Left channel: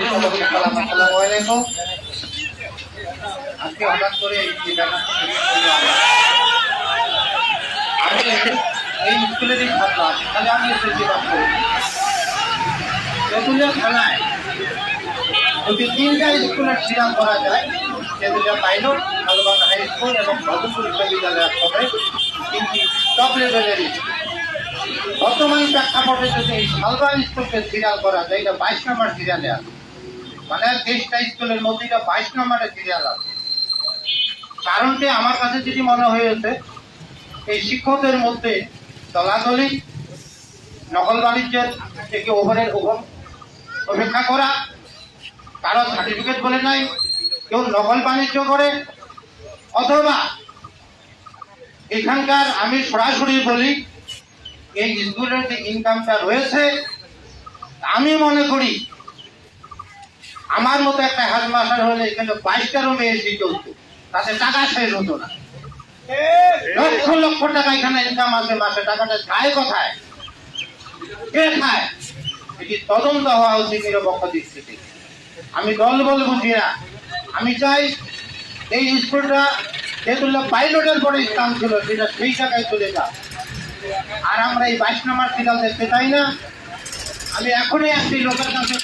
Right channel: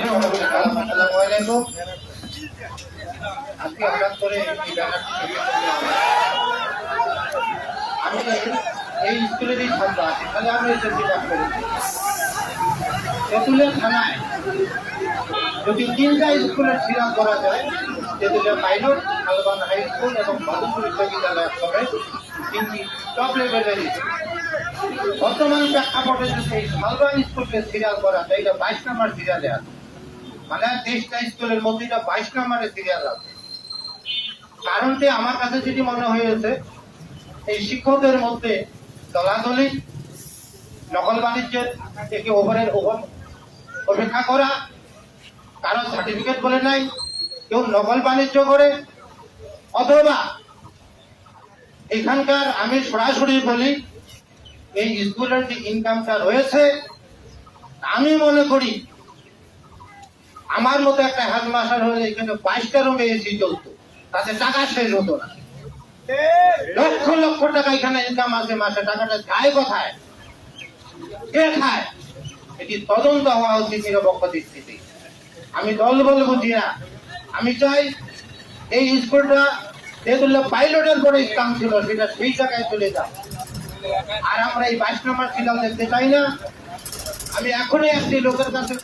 আজকে হঠাৎ করে আমি এই স্কুলেরই ছাত্র আছি, তাহলে আমি এসএসসি পাস করেছি। তেঁতুলিয়া থানায় যদি 3টা স্কুলের সিরাপ করা যায়, তেঁতুলিয়া পাইলট, শালবান হাই স্কুল এবং ভগবপুর বিশ্ববিদ্যালয়ের সঙ্গে 3টি টপ লেভেলের বর্তমান প্রেক্ষাপটে যদি এই শালবান স্কুলকে সিরিয়াল করা যায়, এটা 22 নম্বর সিরিয়ালে আছে। মানে 23টা স্কুলের মধ্যে এটা 22 নম্বরে সিরিয়াল আছে। কারণটি আমার কাছে যেটি মনে হয়েছে, এই শিক্ষকদের মধ্যে দলাদলি, নকল বাণিজ্যের থেকে ওভারের অপেক্ষা করা, কারো সার্টিফিকেট বলে নাই, কেউ নকল বাণিজ্য করে, অথবা এখানকার আমি সরাসরি বলি এই স্কুলের যে ইনকামটা রয়েছে, আমি মনে করি আমার মতো একটা হেডমাস্টার হলে এখানে 22টা রুমে এসি চলতো, তাতে টাকা শেষ হতো না। লক্ষ লক্ষ টাকা এখানে ইনকাম আছে মাসে, টাকাটা যায় কোথায়, কে খায়, এটি তদন্ত হওয়া উচিত নিরপেক্ষ দৃষ্টিতে। আমি দল বল বুঝি না, আমি চাই এই স্কুলটা যেগুলো পাইলটের পরে স্থান ছিল সেটা সেই জায়গায় চলে যায়। আর আমরা এই 22 নম্বর সিরিয়াল দেখতে চাই না। আমি এখনই একটি লোকের কাছে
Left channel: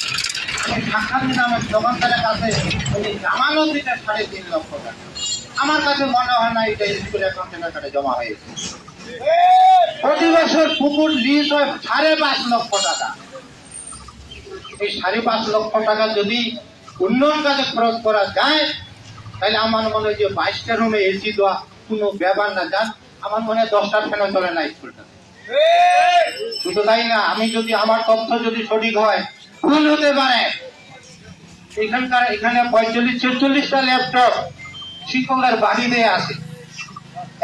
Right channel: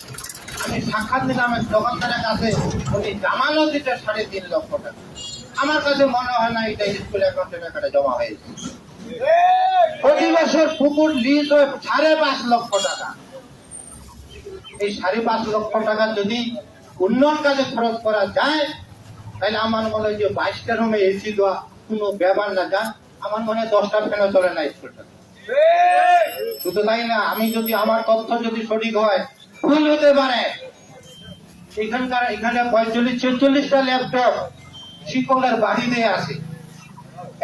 আমি সাক্ষাৎ নিলাম, দোকানদারের কাছে উনি জামানত দিতে 3.5 লক্ষ টাকা। আমার কাছে মনে হয় না এটা স্কুল অ্যাকাউন্টে টাকাটা জমা হয়েছে। প্রতি বছর পুকুর লিজ হয় 5.5 লক্ষ টাকা। এই 5.5 লক্ষ টাকা যদি উন্নয়ন কাজে খরচ করা যায়, তাহলে আমার মনে হয় যে 22টা রুমে এসি দেওয়া কোনো ব্যাপার না। যান, আমার মনে হয় 10টা ফ্যানে চলে না স্কুলটা। শুধু তাই না, আমি যদি আমার তথ্য যদি সঠিক হয়, ভুল হতে পারে, এখানে 45-46টা ল্যাপটপ শিক্ষকের বাড়িতে আছে,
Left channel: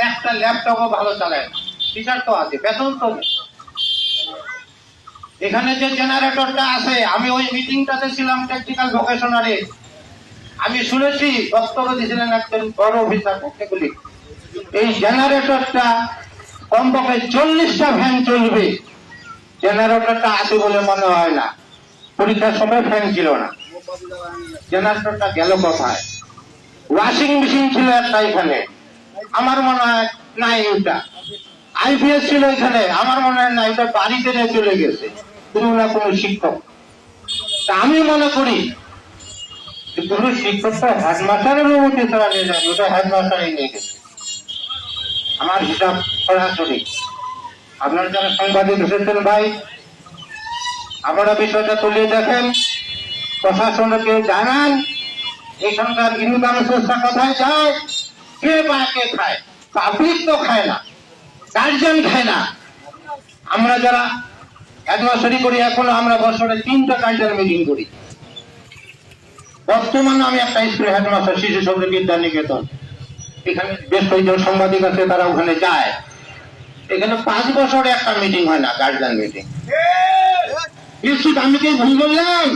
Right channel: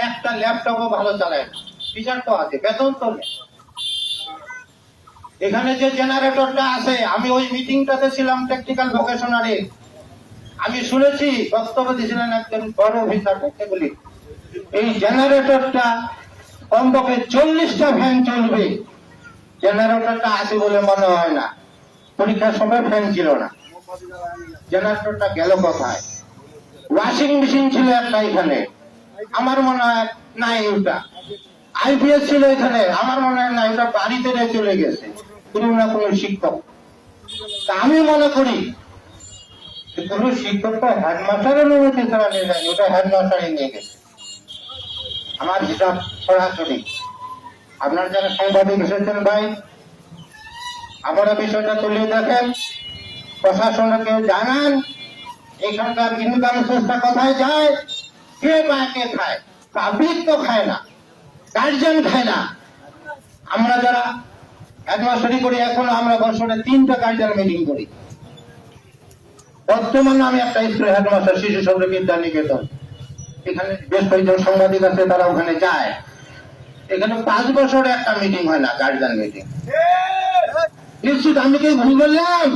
একটা ল্যাপটপও ভালো চালায় না। টিচার তো আছে, বেতন তো নেই। এখানে যে জেনারেটরটা আছে, আমি ওই মিটিংটাতে ছিলাম টেকনিক্যাল ভোকেশনারে, আমি শুনেছি বক্তব্য দিয়েছিলেন একজন বড় অফিসার টেকনিক্যালি, এই জেনারেটরটা কমপক্ষে 40টা ফ্যান চলবে। জেনারেটরটা আছে বলে মনে হয় না, পরীক্ষার সময় ফ্যান ছিল না। জেনারেটরটা গেল কোথায়? ওয়াশিং মেশিন ছিল একটা এখানে, আমার মনে হয় নাই। ওটা আইপিএস ছিল এখানে, আমার মনে হয় না, এটা বাড়িতে নিয়ে চলে গেছে কোনো না কোনো শিক্ষক। তা আমি মনে করি কোনো শিক্ষকটা হেডমাস্টারের অনুমতি ছাড়া নিয়ে যায়নি, ওটা হেডমাস্টারই নিয়ে গেছে। আমার হিসাব সরাসরি। আপনার যারা সাংবাদিক এসেছেন ভাই, আপনারা বিষয়টা তুলে দেখেন, প্রশাসনকে জানান এখানকার ইনকাম সোর্সটা কোথায় যায়, কে পায় কে খায়। পাবলিক তো খায় না, গার্জিয়ান খায় না। আমরা যারা হেডমাস্টারি করি, এখন আমরা বছরে 3টা কালচার মিটিং করি। বর্তমানে আমি একটা স্কুলের হেডমাস্টার, শিশু শক্তি বিদ্যা নিকেতন, এখানে বেশ কয়েকজন সাংবাদিক আছে, তারা ওখানে যায়। এখানে 5 বছরে একটা মিটিং হয় না, গার্জিয়ান মিটিং। নিশ্চিত আমি কি ভুল বললাম?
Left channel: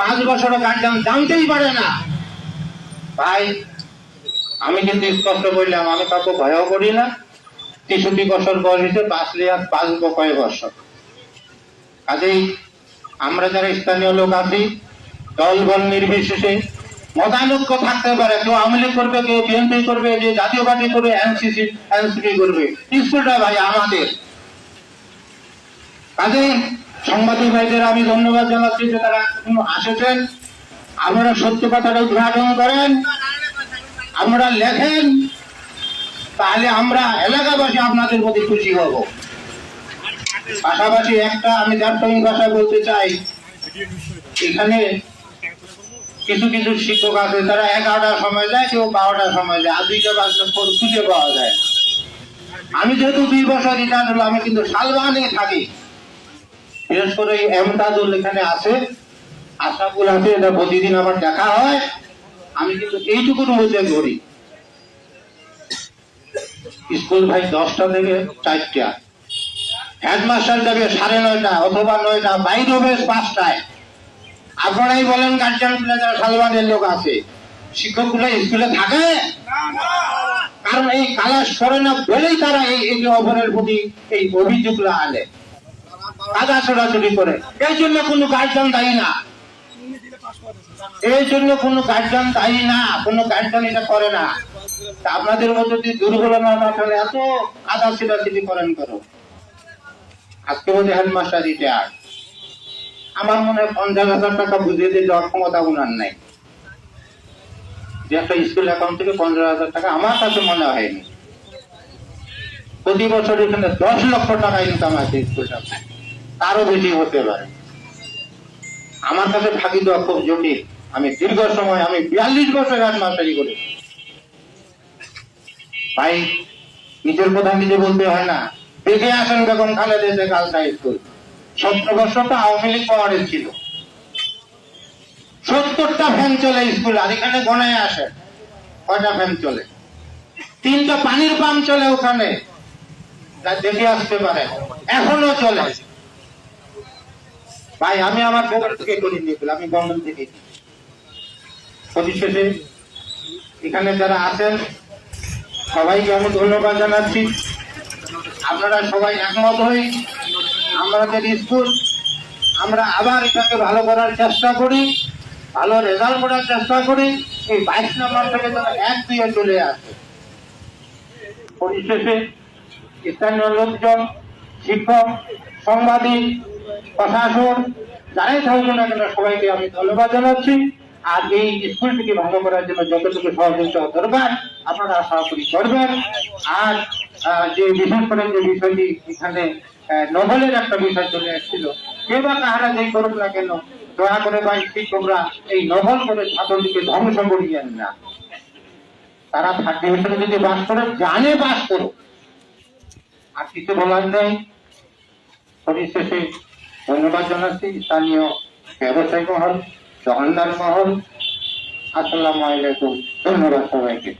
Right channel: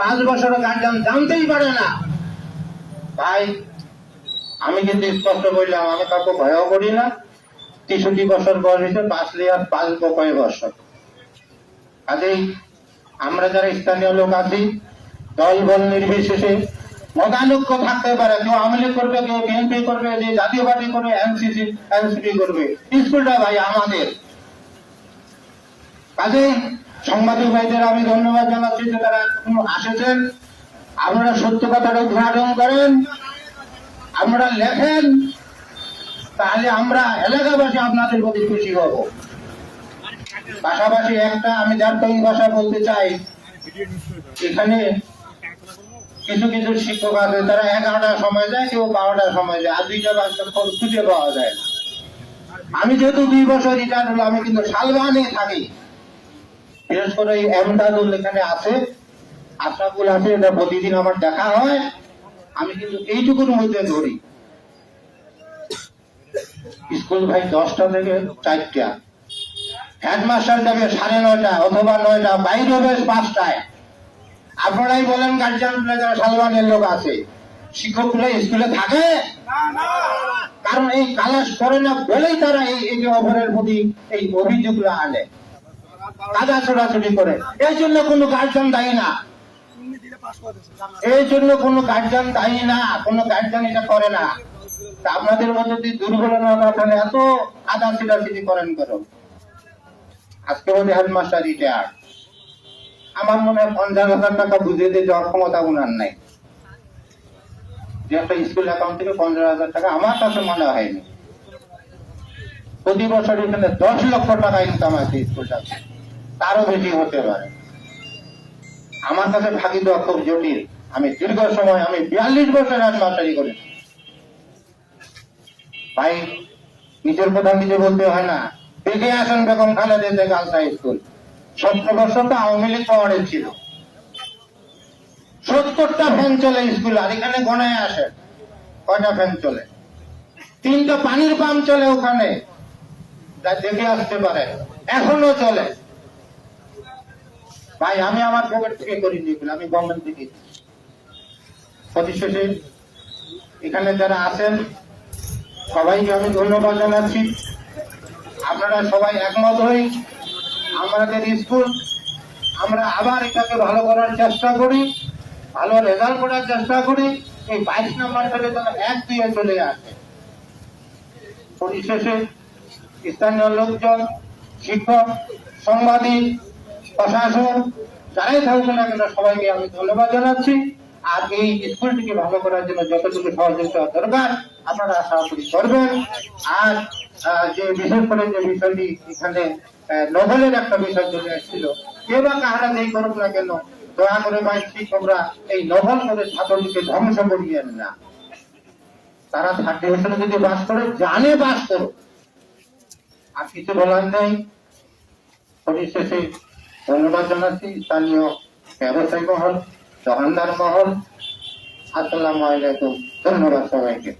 5 বছরে গার্জিয়ান জানতেই পারে না। ভাই, আমি কিন্তু স্পষ্ট বললাম, আমি কাউকে ভয়ও করি না। 63 বছর বয়সে বাঁচলে আর বাঁচবো কয়েক বছর। কাজেই আমরা যারা স্থানীয় লোক আছি, দল বল নির্বিশেষে মতানৈক্য থাকতে পারে, কেউ আওয়ামী লীগ করবে, কেউ বিএনপি করবে, যে জাতীয় পার্টি করবে, এনসিপি করবে, স্কুলটা ভাই আমাদের। কাজেই সাংবাদিক ভাইদের আমি ধন্যবাদ জানাচ্ছি যে তারা আসেছেন। আপনারা সত্য কথাটা উদ্ঘাটন করেন, আপনারা লেখেন, তাহলে আমরা এলাকাবাসী আপনাদের প্রতি খুশি হব। পাশাপাশি একটা আমি দার্থনিক ভাষা বলতে চাই, এখানে কিছু কিছু শিক্ষক আছে, তারা 11টার সময় যায়, কেউ 12টার সময় যায়, আর 2টা বাচ্চা খুঁজে পাওয়া যায় না। আমি যেহেতু 2 বছর রিটায়ার হলো, আমি কিন্তু শালবানে থাকি। বিশেষ করে এই এমদাদুল এখানে আছে, আশাফুল আছে, এটা প্রতিদিন আমার দেখা হয়। আমি কিন্তু এইটুকুর মধ্যে ধরি, স্কুল ভাই 10টা থেকে 4টা, হেডমাস্টার যাবে 9:30 অথবা 9টা, বাইরে হবে 5টায়। আপনারাই বলেন গার্জিয়ান যারা শালবানের লোক আছে, শিক্ষক গুলো স্কুলে থাকে? কারণ এই কালাস করে না বলেই তারা এই অপরের প্রতি এই অভিযোগগুলো আনে, কাদা ছোড়াছুড়ি করে। এই জন্য কোনো গার্জিয়ান দায়ী না। এই জন্য কোনো গার্জিয়ান দায়ী না, কোনো গার্জিয়ান এটা করে না। তা আপনাদের মধ্যে যদি দুর্বল মাথায় এত আদা ছিটাছিটি করেন করো, আজকে বলতে হেডমাস্টার রিটায়ার, আমার মনে হয় 50,000 টাকা বুঝিয়ে দিয়ে যাওয়ার ক্ষমতা ওনার নাই। যে একটা স্কুল অ্যাকাউন্ট থেকে 50,000 টাকা আমার কাছে মনে হয়নি। প্রতি বছর এখানে 10 লক্ষ টাকা ইনকাম আছে স্কুলটা, তারও বেশি হতে পারে। আমার কাছে ফাঁকি দেওয়া খুব জটিল। আমি দীর্ঘ সময়, আমি 42 বছর হেডমাস্টারি করেছি ভাই। নিজের কথা নিজে বলতে হয় না। দেখে আসেন Begum Khaleda girls high school 17 বছর তো আওয়ামী লীগ পাওয়ারে ছিল, 70টা ফ্যান চলে স্কুলে। আর এখানে গণায় আসে কয়টা ফ্যান চলে? 3টা পানির পাম্প চলে ওখানে, যা দেখে আসতে পারে, এখনো চলে ভাই। আমি আমার পকেট থেকে করিনি, আমি গভর্নমেন্ট থেকে। পরিশেষে এখানে যারা আছেন সবাইকে আমি ধন্যবাদ জানাচ্ছি। আপনারা সবাই একমত হই আমাদের স্কুল, আমরা আবার এটাকে ভালো করার চেষ্টা করি, ভালো রেজাল্ট করার চেষ্টা করি। এই 22 নম্বর থেকে যেন 1-2 চলে আসে। পরিশেষে স্থানীয় লোকজন, শিক্ষক, সাংবাদিক, প্রশাসন, যারাই থাকবেন না কেন সবাইকে আমি ধন্যবাদ জানাচ্ছি। আর এই স্কুলটিকে ভালো করার জন্য যতটুকু সহযোগিতা দরকার আপনারা আশা করি করবেন। আর যে বিশেষ করে যে বিষয়টি এখানে নভেলের একটা বিষয় চলে এসেছিল, কে বা কাহারা যেই করুক না কেন, দয়া করে ভাই শিক্ষকরা এই নভেল করে ছাত্রটিকে ধ্বংস করিয়েন না। তারা 3rd ডিভিশনে যদি বাস করে, জানে বাস করো, আর কিছু বলার নেই। পরিশেষে ধন্যবাদ জানাচ্ছি স্থানীয় ব্যবসায়ী মহল, দোকানদার মহল। আসসালামু আলাইকুম, ধন্যবাদ সবাইকে।